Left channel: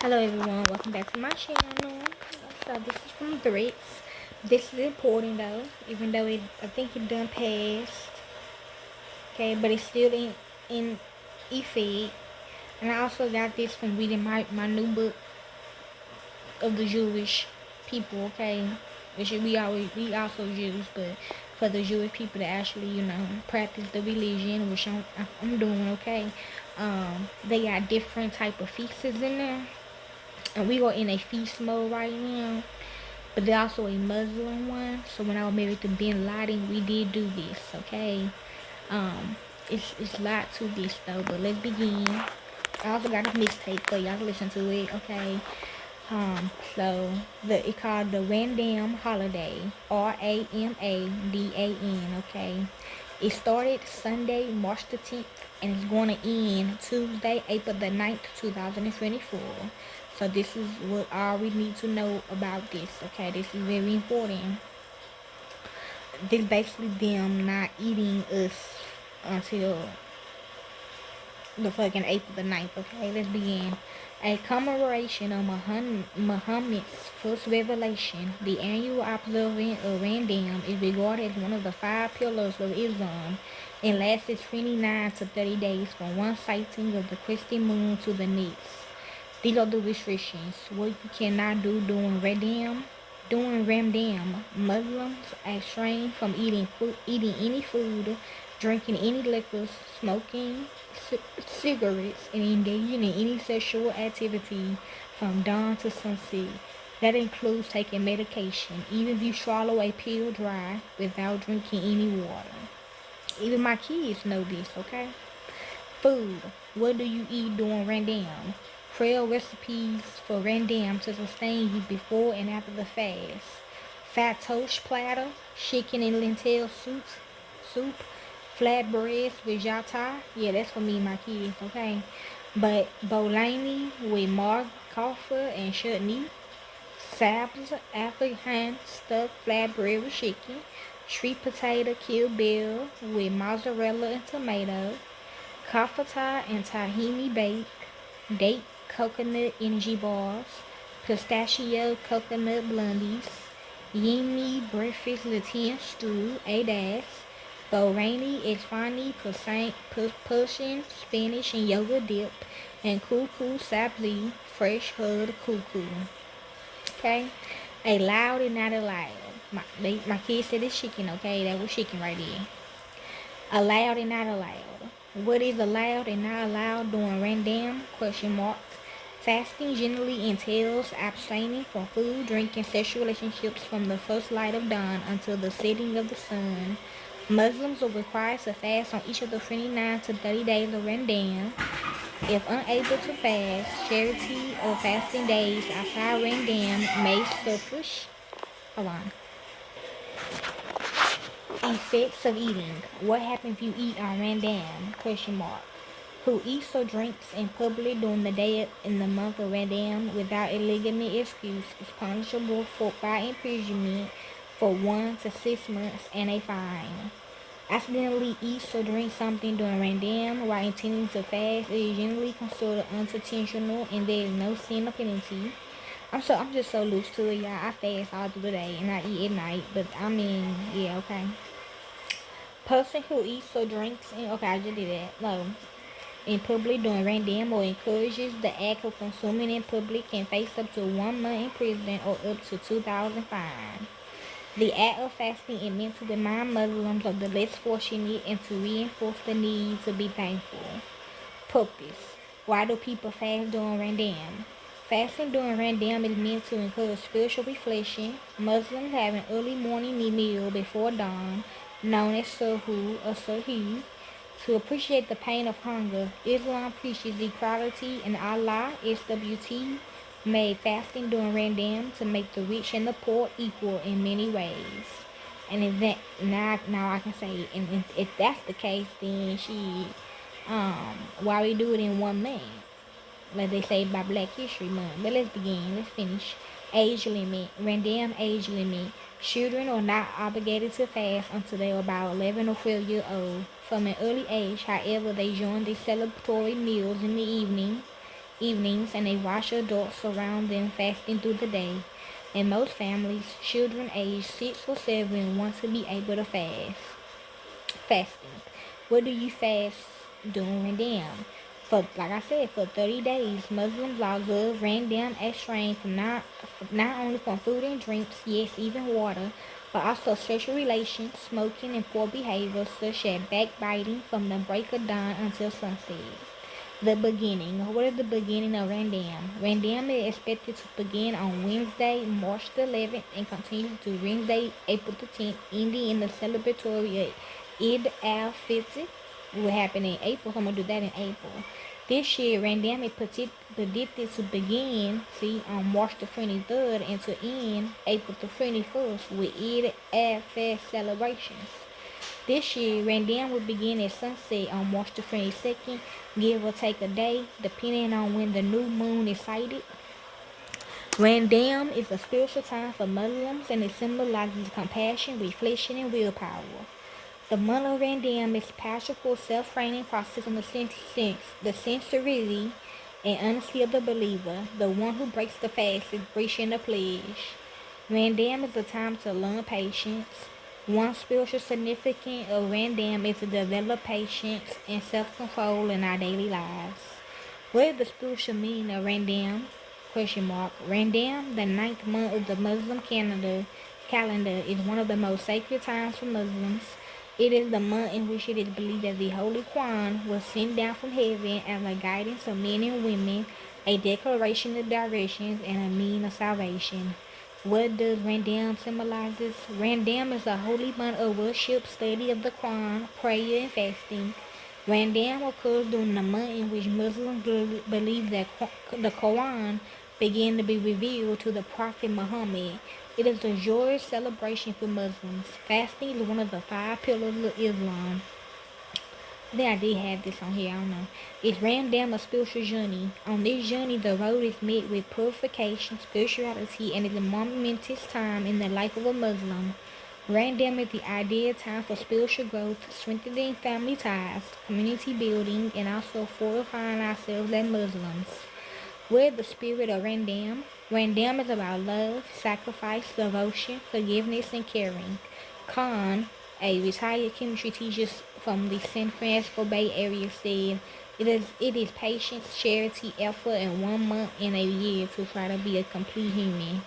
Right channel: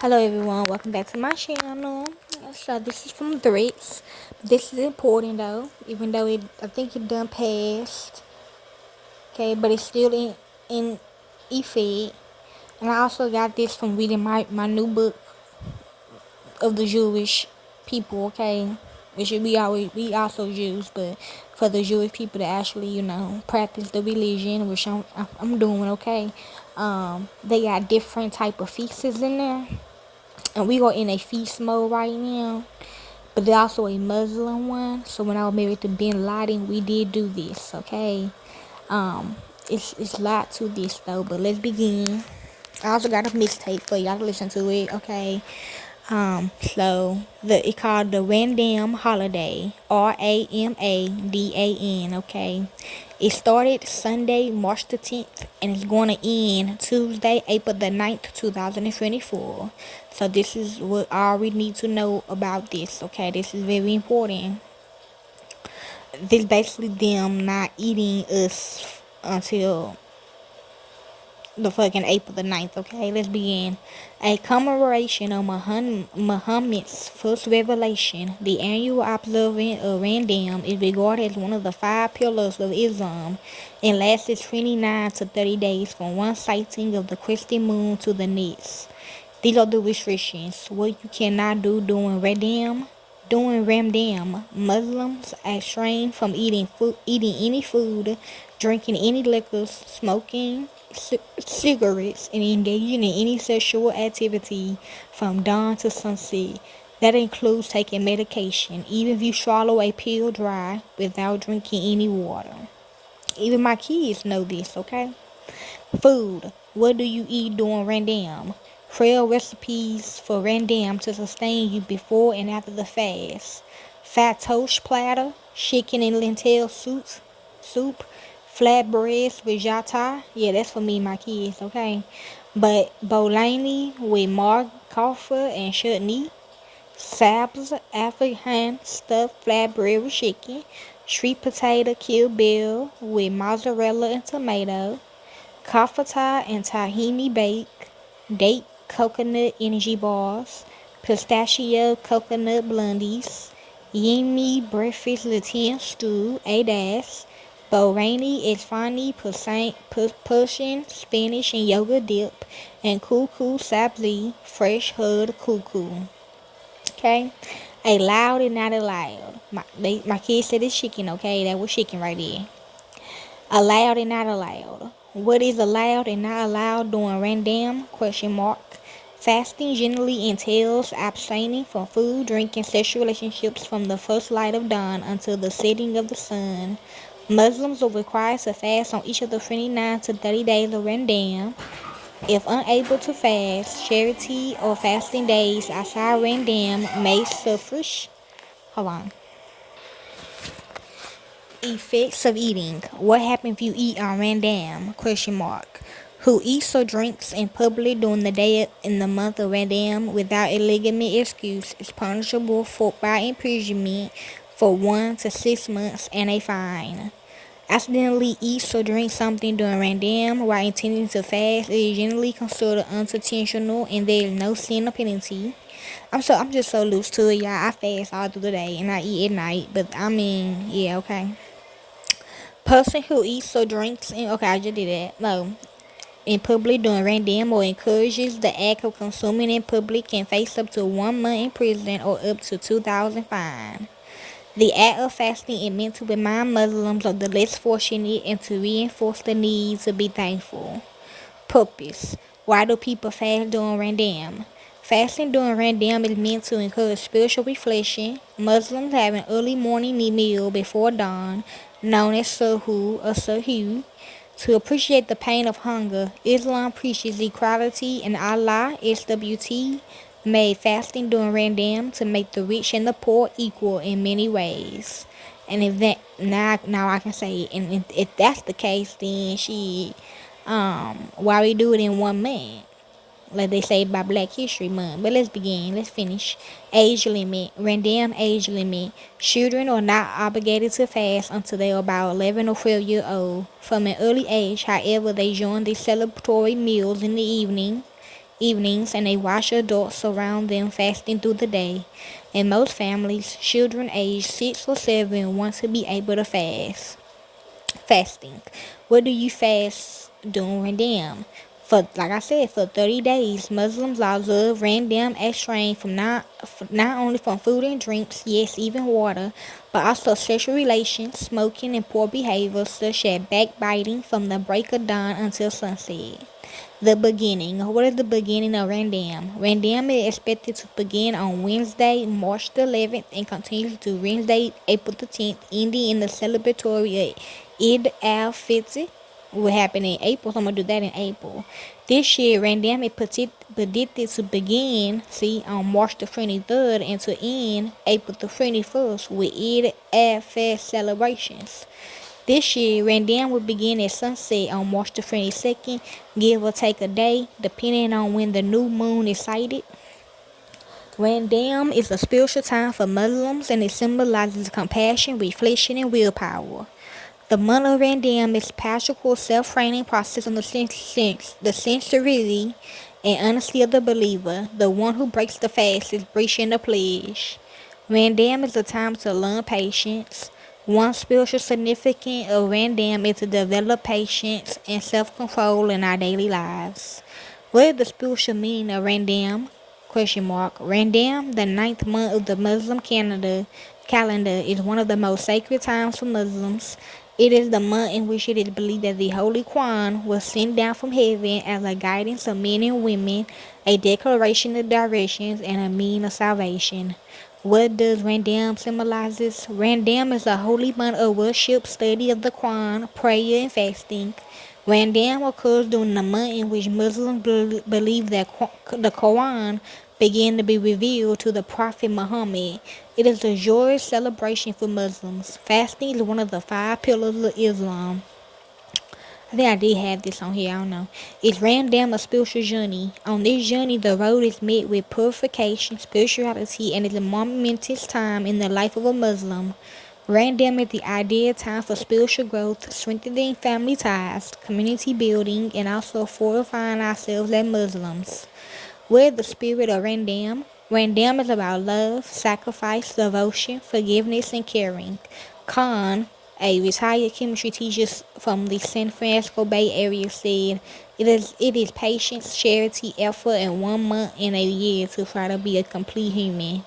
Hello everyone, welcome back to my channel. So this is from Threats. This is important though, even though I think it done passed. Okay, but it's still in effect. And I also got this from reading my new book of the Jewish people. Okay, which we also Jews, but for the Jewish people to actually practice the religion, which I'm doing. Okay, they got different type of feasts in there. And we are in a feast mode right now, but there's also a Muslim one. So when I was married to Bin Laden, we did do this. Okay, um, it's a lot to this though, but let's begin. I also got a mixtape for y'all to listen to it. Okay, so it called the Random Holiday, Ramadan. Okay, it started Sunday, March the 10th, and it's going to end Tuesday, April the 9th, 2024. So this is what all we need to know about this. Okay, this is very important. This basically them not eating us until the fucking April the 9th. Okay, let's begin. A commemoration of Muhammad's first revelation, the annual observance of Ramadan is regarded as one of the five pillars of Islam and lasts 29 to 30 days from one sighting of the crescent moon to the next. These are the restrictions. What you cannot do during Ramadan. During Ramadan, Muslims abstain from eating any food, drinking any liquors, smoking cigarettes, and engaging in any sexual activity from dawn to sunset. That includes taking medication, even if you swallow a pill dry without drinking any water. Even my kids know this, okay? Food. What do you eat during Ramadan? Trail recipes for Ramadan to sustain you before and after the fast. Fat toast platter, chicken and lentil soup, flatbreads with jata. Yeah, that's for me and my kids, okay? But bologna with marg kaffa and chutney. Sabs, African stuffed flatbread with chicken. Sweet potato kill bill with mozzarella and tomato. Kafata and tahini bake, date coconut energy bars, pistachio coconut blondies, yummy breakfast Latin stew, adas, Bahraini Isfani Persian Spanish and yogurt dip, and kuku sabzi fresh hood kuku. Okay, a loud and not allowed. My kids said it's chicken. Okay, that was chicken right there. Allowed and not allowed. What is allowed and not allowed during Ramadan? Question mark. Fasting generally entails abstaining from food, drink, and sexual relationships from the first light of dawn until the setting of the sun. Muslims are required to fast on each of the 29 to 30 days of Ramadan. If unable to fast, charity or fasting days outside Ramadan may suffer. Hold on. Effects of eating. What happens if you eat on Ramadan? Question mark. Who eats or drinks in public during the day in the month of Ramadan without a legitimate excuse is punishable by imprisonment for 1 to 6 months and a fine. Accidentally eats or drinks something during Ramadan while intending to fast is generally considered unintentional and there is no sin or penalty. I'm just so loose to it, y'all. I fast all through the day and I eat at night, but I mean, yeah, okay. Person who eats or drinks in okay, I just did that. No. In public during Ramadan or encourages the act of consuming in public can face up to 1 month in prison or up to 2,000 fine. The act of fasting is meant to remind Muslims of the less fortunate and to reinforce the need to be thankful. Purpose. Why do people fast during Ramadan? Fasting during Ramadan is meant to encourage spiritual reflection. Muslims have an early morning meal before dawn, known as suhoor or sahur, to appreciate the pain of hunger. Islam preaches equality, and Allah, SWT, made fasting during Ramadan to make the rich and the poor equal in many ways. And if that now I can say, and if that's the case, then why we do it in 1 month? Like they say by Black History Month. But let's begin. Let's finish. Age limit. Random age limit. Children are not obligated to fast until they are about 11 or 12 years old. From an early age, however, they join the celebratory meals in the evening evenings, and they watch adults around them fasting through the day. In most families, children aged 6 or 7 want to be able to fast. Fasting. What do you fast during Ramadan? For like I said, for 30 days, Muslims observe Ramadan abstain from not only from food and drinks, yes, even water, but also sexual relations, smoking, and poor behavior such as backbiting from the break of dawn until sunset. The beginning. What is the beginning of Randam? Randam is expected to begin on Wednesday, March the 11th, and continue to Wednesday, April the 10th, ending in the celebratory Eid al-Fitr. Will happen in April, so I'm going to do that in April. This year, Randam is predicted to begin, on March the 23rd and to end April the 21st with Eid al-Fitr celebrations. This year, Ramadan will begin at sunset on March the 22nd, give or take a day, depending on when the new moon is sighted. Ramadan is a spiritual time for Muslims and it symbolizes compassion, reflection, and willpower. The month of Ramadan is a practical self-training process on the sincerity and honesty of the believer. The one who breaks the fast is breaching the pledge. Ramadan is a time to learn patience. One spiritual significance of Ramadan is to develop patience and self-control in our daily lives. What is the spiritual meaning of Ramadan? Ramadan, the ninth month of the Muslim calendar, is one of the most sacred times for Muslims. It is the month in which it is believed that the Holy Quran was sent down from heaven as a guidance of men and women, a declaration of directions, and a means of salvation. What does Ramadan symbolizes? Ramadan is a holy month of worship, study of the Quran, prayer, and fasting. Ramadan occurs during the month in which Muslims believe that the Quran began to be revealed to the Prophet Muhammad. It is a joyous celebration for Muslims. Fasting is one of the 5 pillars of Islam. I think I did have this on here, I don't know. It's Ramadan a spiritual journey. On this journey, the road is met with purification, spirituality, and is a momentous time in the life of a Muslim. Ramadan is the ideal time for spiritual growth, strengthening family ties, community building, and also fortifying ourselves as Muslims. With the spirit of Ramadan, Ramadan is about love, sacrifice, devotion, forgiveness, and caring. Khan, a retired chemistry teacher from the San Francisco Bay Area, said, it is patience, charity, effort, and 1 month in a year to try to be a complete human.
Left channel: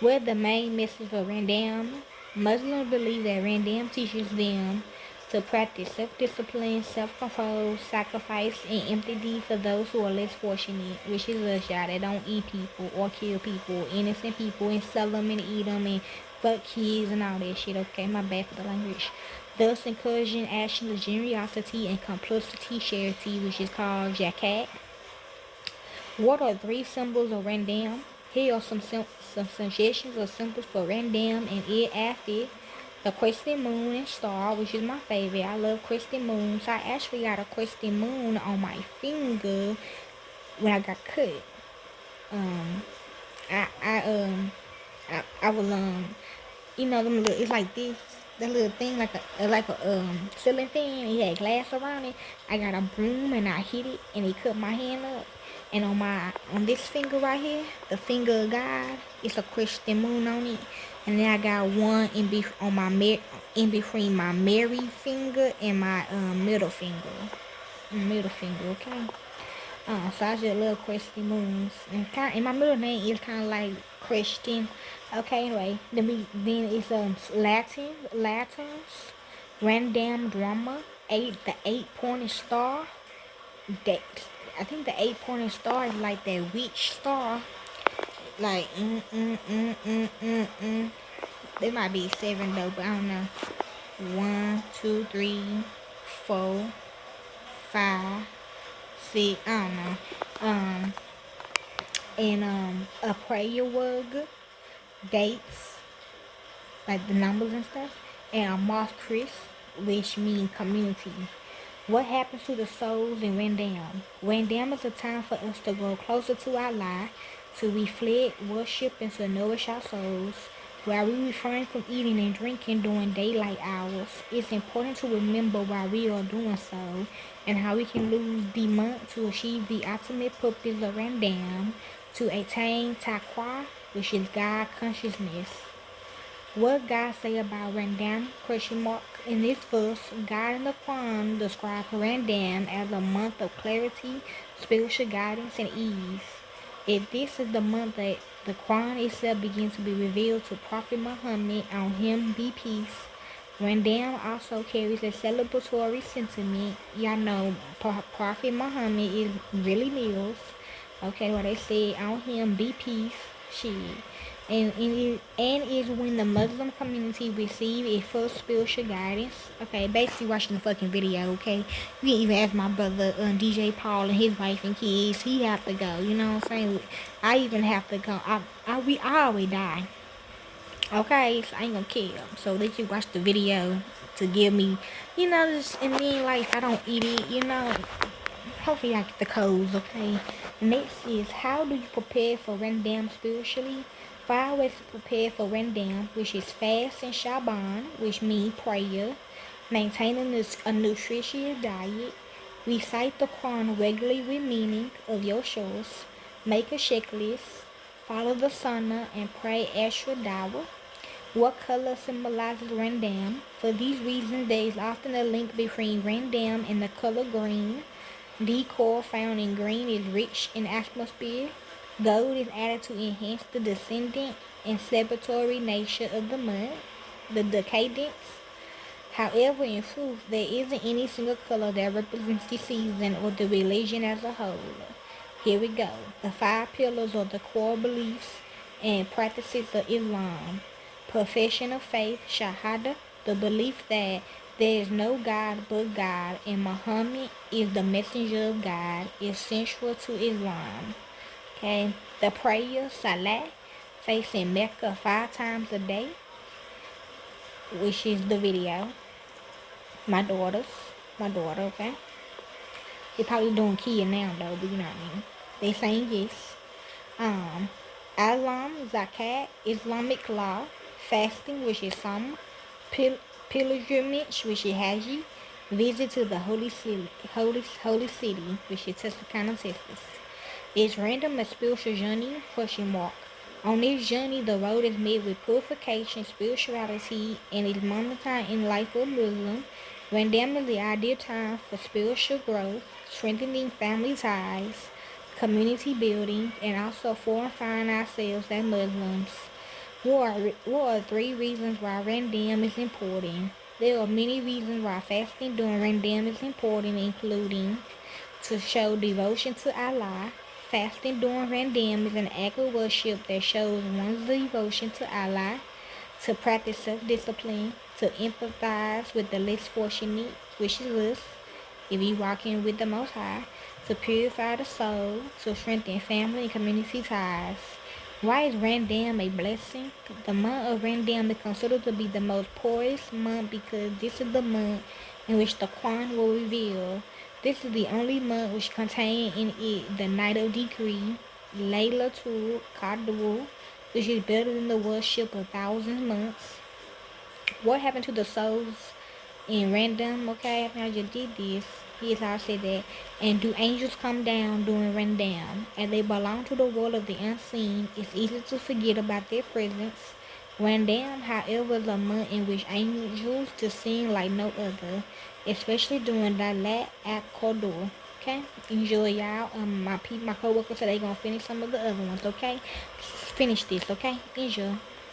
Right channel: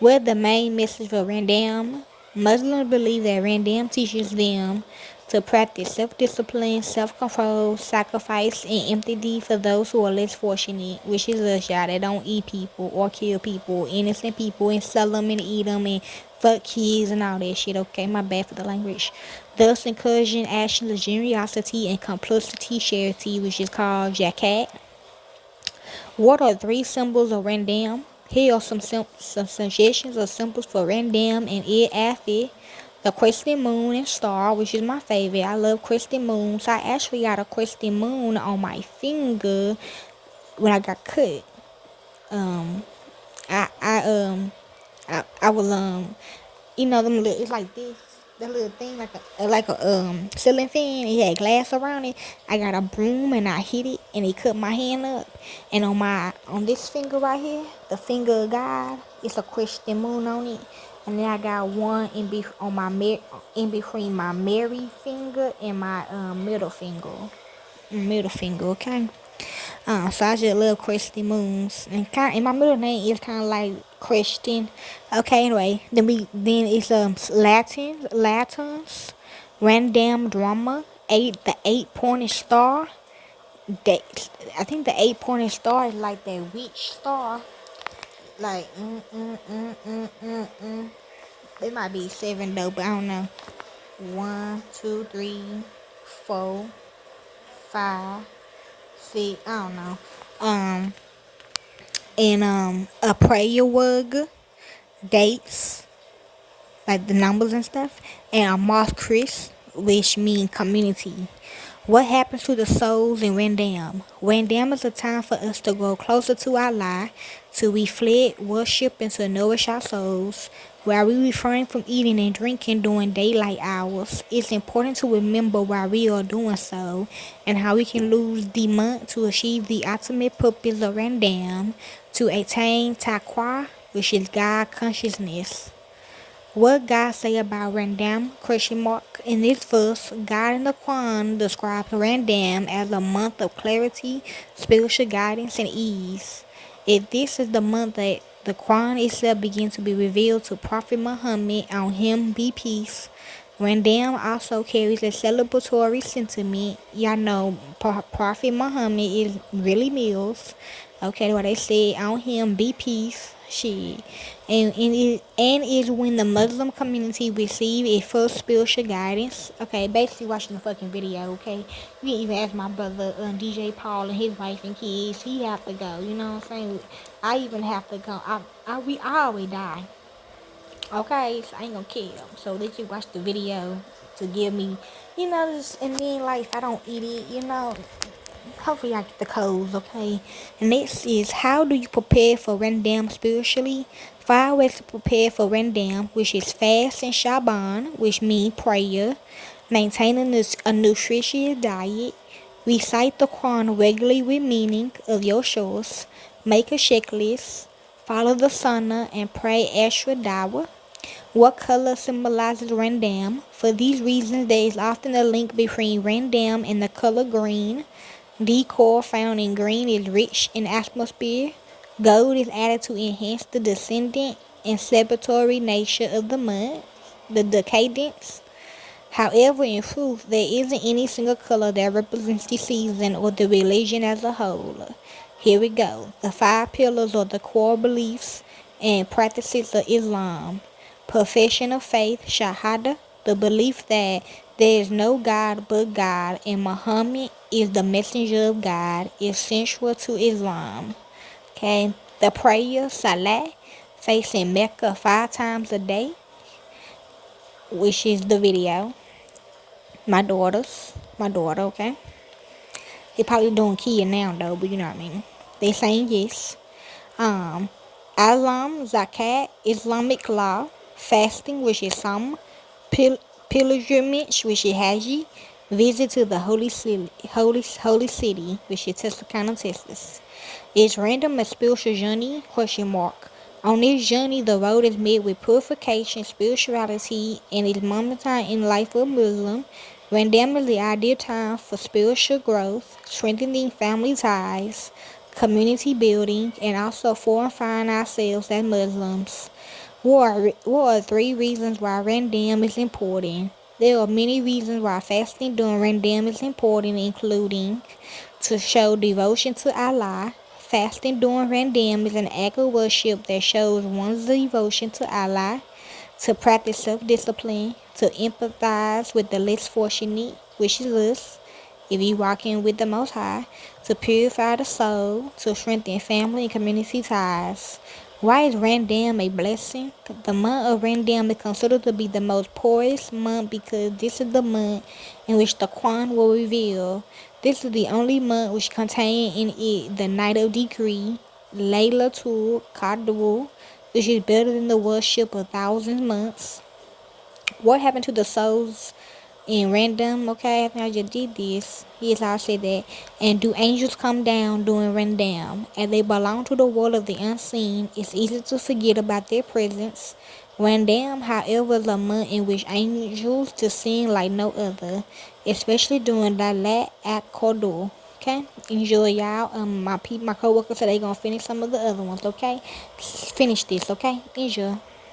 What the main message of Randam? Muslims believe that Randam teaches them to practice self-discipline, self-control, sacrifice, and empathy for those who are less fortunate, which is us, y'all, that don't eat people or kill people, innocent people, and sell them and eat them and fuck kids and all that shit. Okay, my bad for the language. Thus encouraging actions of generosity and complicity charity, which is called Jakat. What are 3 symbols of Randam? Here are some suggestions of symbols for Randam and Eid al-Fitr. The crescent moon and star, which is my favorite. I love crescent moons. I actually got a crescent moon on my finger when I got cut. I I I was them little, it's like this, that little thing like a ceiling fan. It had glass around it. I got a broom and I hit it and it cut my hand up. And on this finger right here, the finger of God, it's a crescent moon on it. And then I got one in between my Mary finger and my middle finger. Okay. So I just love Christy Moons, and my middle name is kind of like Christian. Okay, anyway, then it's Latins, random drama, the 8-pointed star. That I think the 8-pointed star is like that witch star. Like There might be 7 though, but I don't know. 1, 2, 3, 4, 5, 6. I don't know. And a prayer word, dates, like the numbers and stuff, and a mosque Chris, which means community. What happens to the souls in Randam? Randam is a time for us to grow closer to Allah, to reflect, worship, and to nourish our souls. While we refrain from eating and drinking during daylight hours, it's important to remember why we are doing so and how we can lose the month to achieve the ultimate purpose of Randam, to attain taqwa, which is God consciousness. What God say about Randam? Question mark. In this verse, God in the Quran describes Randam as a month of clarity, spiritual guidance, and ease. If this is the month that the Quran itself begins to be revealed to Prophet Muhammad, on him be peace. Randam also carries a celebratory sentiment. Y'all know Prophet Muhammad is really meals. Okay, what they say on him be peace. She and is when the Muslim community receive a full spiritual guidance. Okay, basically watching the fucking video. Okay, you can even ask my brother DJ Paul and his wife and kids. He have to go. You know what I'm saying? I even have to go. I always die. Okay, so I ain't gonna kill. So they just watch the video to give me, just, and then like I don't eat it. Hopefully I get the codes, okay? And next is, how do you prepare for Ramadan spiritually? 5 ways to prepare for Ramadan, which is fast and Shaban, which means prayer, maintaining a nutritious diet, recite the Quran regularly with meaning of your choice, make a checklist, follow the Sunnah, and pray extra dawah. What color symbolizes Randam? For these reasons, there is often a link between Randam and the color green. Decor found in green is rich in atmosphere. Gold is added to enhance the descendant and celebratory nature of the month, the decadence. However, in truth, there isn't any single color that represents the season or the religion as a whole. Here we go. The 5 pillars are the core beliefs and practices of Islam. Profession of faith, Shahada, the belief that there is no God but God and Muhammad is the messenger of God, is central to Islam. Okay. The prayer, Salah, facing Mecca 5 times a day, which is the video. My daughter, okay? They probably doing kid now though, but you know what I mean. They saying yes. Islam, Zakat, Islamic law, fasting, which is some, pilgrimage, which is Haji, visit to the holy city, which is Tuscaloosa, Texas. Is random a spiritual journey? Question mark. On this journey, the road is met with purification, spirituality, and is momentary in life of Muslim. Random is the ideal time for spiritual growth, strengthening family ties, community building, and also fortifying ourselves as Muslims. What are 3 reasons why Ramadan is important? There are many reasons why fasting during Ramadan is important, including to show devotion to Allah. Fasting during Ramadan is an act of worship that shows one's devotion to Allah, to practice self-discipline, to empathize with the less fortunate, which is us, if you walk in with the Most High, to purify the soul, to strengthen family and community ties. Why is Randam a blessing? The month of Randam is considered to be the most poorest month because this is the month in which the Quran will reveal. This is the only month which contains in it the night of decree, Laylatul Qadr, which is better than the worship of thousand months. What happened to the souls in Random? Okay, I think I just did this. Yes, I said that. And do angels come down during Random? As they belong to the world of the unseen, it's easy to forget about their presence. Random, however, is a month in which angels descend like no other, especially during Lalat at Qadr. Okay, enjoy y'all. My coworker said they gonna finish some of the other ones. Okay, finish this. Okay, enjoy.